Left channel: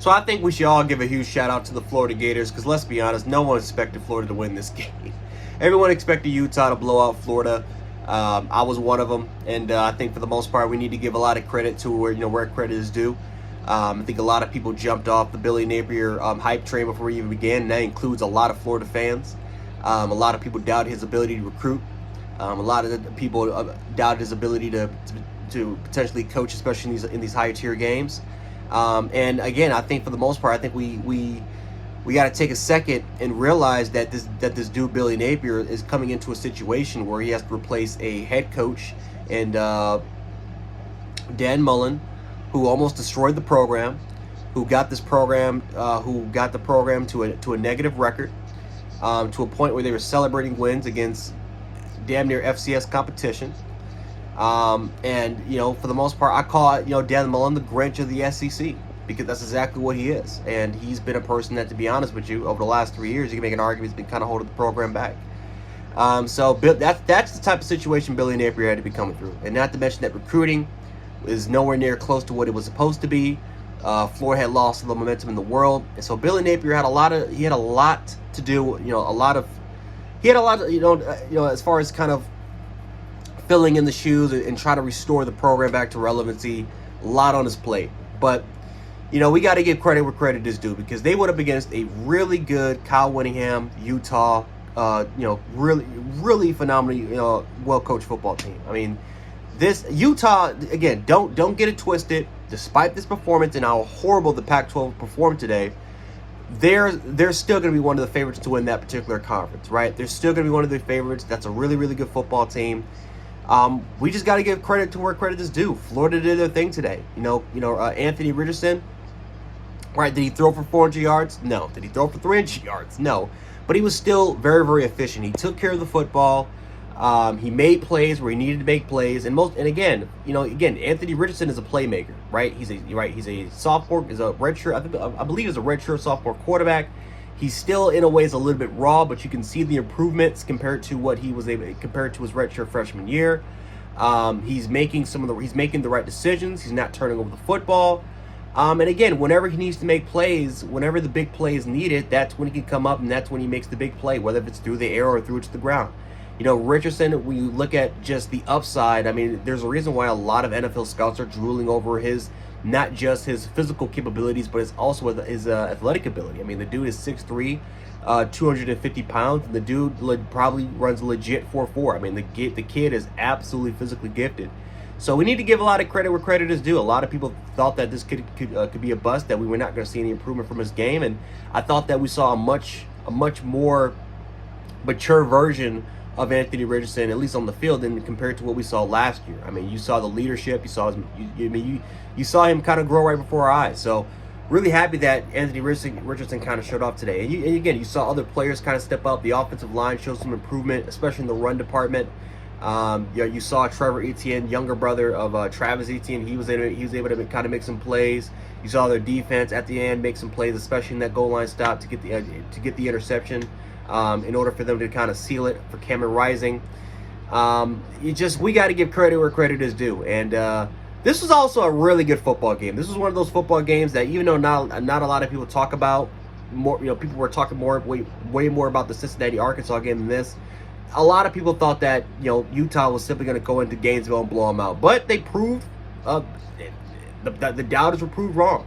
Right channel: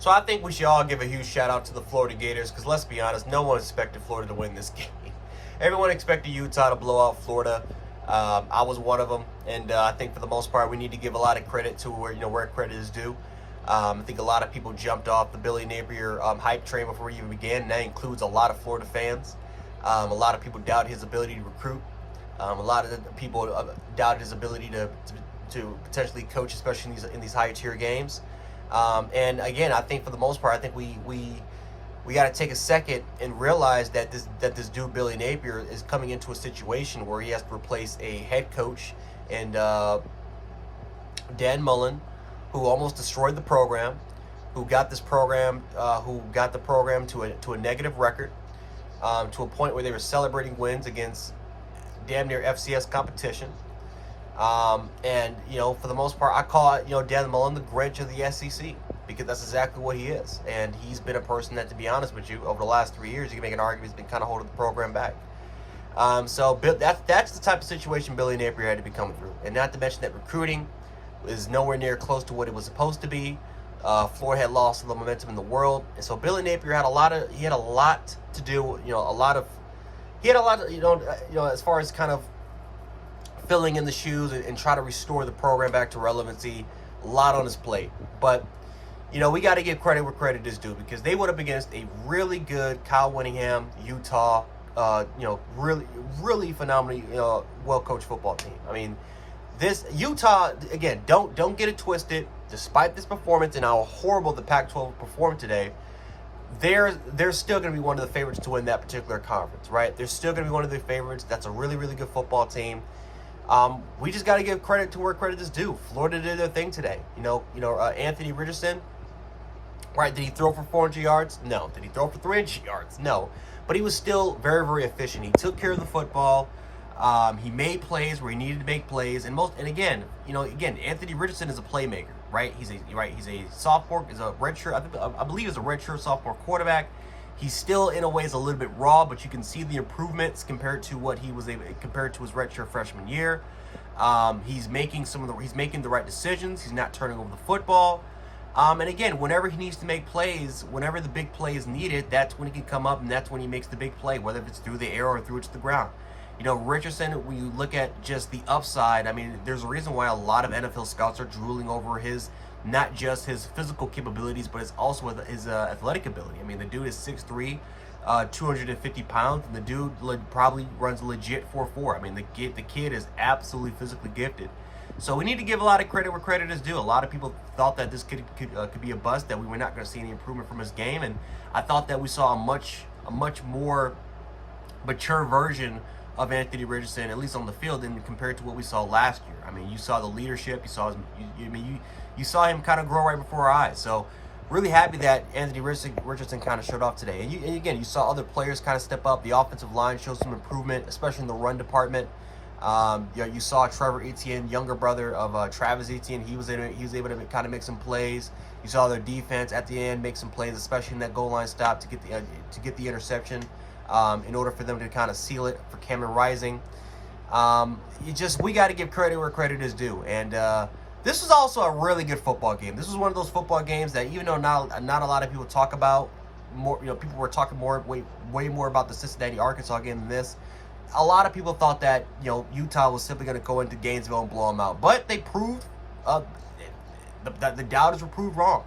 So I think we should all give a huge shout out to the Florida Gators, because let's be honest, no one expected Florida to win this game. Everyone expected Utah to blow out Florida. I was one of them, and I think for the most part we need to give a lot of credit to where credit is due. I think a lot of people jumped off the Billy Napier hype train before we even began, and that includes a lot of Florida fans. A lot of people doubted his ability to recruit. A lot of people doubted his ability to potentially coach, especially in these higher tier games. And again, I think for the most part, I think we got to take a second and realize that this dude Billy Napier is coming into a situation where he has to replace a head coach and Dan Mullen, who almost destroyed the program, who got the program to a negative record, to a point where they were celebrating wins against damn near FCS competition. And for the most part, I call Dan Mullen the Grinch of the SEC, because that's exactly what he is. And he's been a person that, to be honest with you, over the last 3 years, you can make an argument he's been kind of holding the program back. So that's the type of situation Billy Napier had to be coming through. And not to mention that recruiting is nowhere near close to what it was supposed to be. Florida had lost all the momentum in the world, and so Billy Napier had a lot to do. As far as kind of filling in the shoes and try to restore the program back to relevancy. A lot on his plate, but we got to give credit where credit is due, because they went up against a really good Kyle Whittingham Utah, really phenomenally well coached football team. I mean, this Utah, again, don't get it twisted. Despite this performance and how horrible the Pac-12 performed today, they're still going to be one of the favorites to win that particular conference, right? They're still going to be one of the favorites. That's a really, really good football team. We just got to give credit to where credit is due. Florida did their thing today. Anthony Richardson, right? Did he throw for 400 yards? No. Did he throw for 300 yards? No. But he was still very, very efficient. He took care of the football. He made plays where he needed to make plays, again, Anthony Richardson is a playmaker, right? He's a sophomore, is a redshirt. I believe he's a redshirt sophomore quarterback. He's still in a ways a little bit raw, but you can see the improvements compared to what he was compared to his redshirt freshman year. He's making the right decisions. He's not turning over the football. And again, whenever he needs to make plays, whenever the big play is needed, that's when he can come up, and that's when he makes the big play, whether if it's through the air or through it to the ground. Richardson, when you look at just the upside, I mean, there's a reason why a lot of NFL scouts are drooling over not just his physical capabilities, but it's also his athletic ability. I mean, the dude is 6'3", 250 pounds, and the dude probably runs legit 4.4. I mean, the kid is absolutely physically gifted. So we need to give a lot of credit where credit is due. A lot of people thought that this could be a bust, that we were not going to see any improvement from his game, and I thought that we saw a much more mature version of Anthony Richardson, at least on the field, than compared to what we saw last year. I mean, you saw the leadership, you saw him kind of grow right before our eyes. So really happy that Anthony Richardson kind of showed off today. And again, you saw other players kind of step up. The offensive line showed some improvement, especially in the run department. You saw Trevor Etienne, younger brother of Travis Etienne. He was able to kind of make some plays. You saw their defense at the end make some plays, especially in that goal line stop to get the interception. In order for them to kind of seal it for Cameron Rising. We got to give credit where credit is due. And this was also a really good football game. This was one of those football games that, even though not a lot of people talk about, people were talking way more about the Cincinnati Arkansas game than this. A lot of people thought that Utah was simply going to go into Gainesville and blow them out, but they proved the doubters were proved wrong.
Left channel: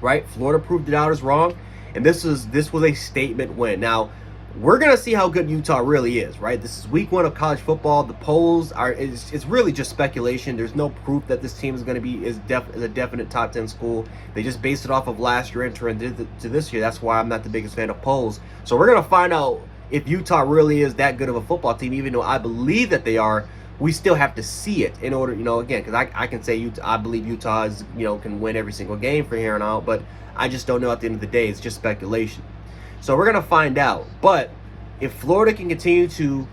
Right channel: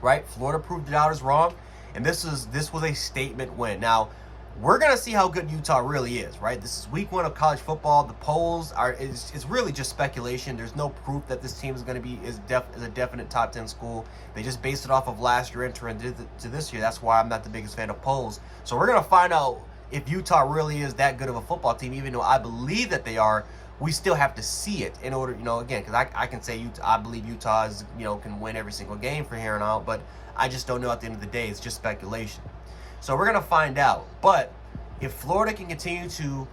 Right? Florida proved the doubters wrong, and this was a statement win. Now, we're going to see how good Utah really is, right? This is week 1 of college football. The polls it's really just speculation. There's no proof that this team is going to be is a definite top 10 school. They just based it off of last year entering to this year. That's why I'm not the biggest fan of polls. So we're going to find out if Utah really is that good of a football team, even though I believe that they are. We still have to see it in order, again, because I can say I believe Utah is, can win every single game from here on out, but I just don't know at the end of the day. It's just speculation. So we're going to find out. But if Florida can continue to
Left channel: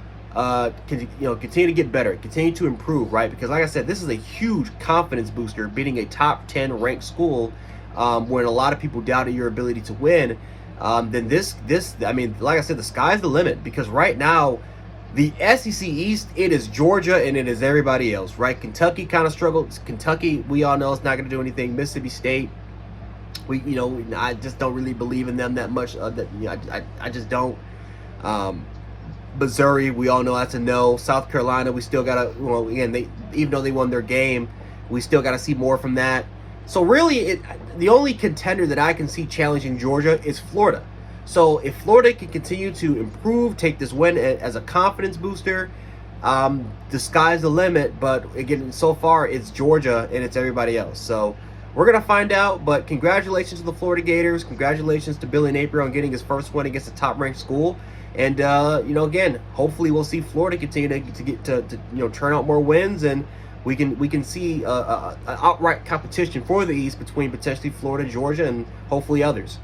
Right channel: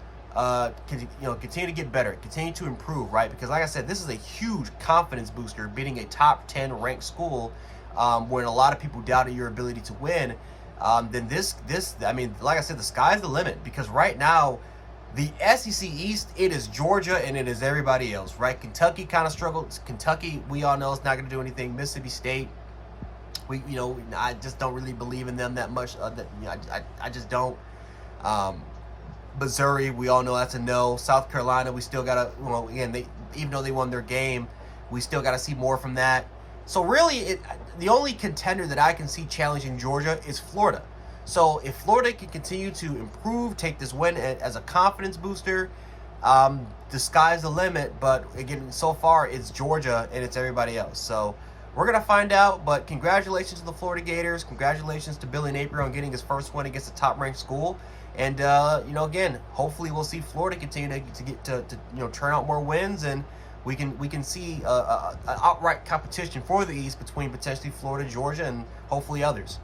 continue to get better, continue to improve, right? Because like I said, this is a huge confidence booster, beating a top 10 ranked school when a lot of people doubted your ability to win. Then I mean, like I said, the sky's the limit, because right now, the SEC East, it is Georgia and it is everybody else, right? Kentucky kind of struggled. Kentucky, we all know, is not going to do anything. Mississippi State, I just don't really believe in them that much. I just don't. Missouri, we all know that's a no. South Carolina, we still gotta. Again, even though they won their game, we still gotta see more from that. So really, the only contender that I can see challenging Georgia is Florida. So if Florida can continue to improve, take this win as a confidence booster, the sky's the limit. But again, so far it's Georgia and it's everybody else. So we're going to find out. But congratulations to the Florida Gators. Congratulations to Billy Napier on getting his first win against a top-ranked school. And, again, hopefully we'll see Florida continue to get to turn out more wins, and we can see an outright competition for the East between potentially Florida, Georgia, and hopefully others.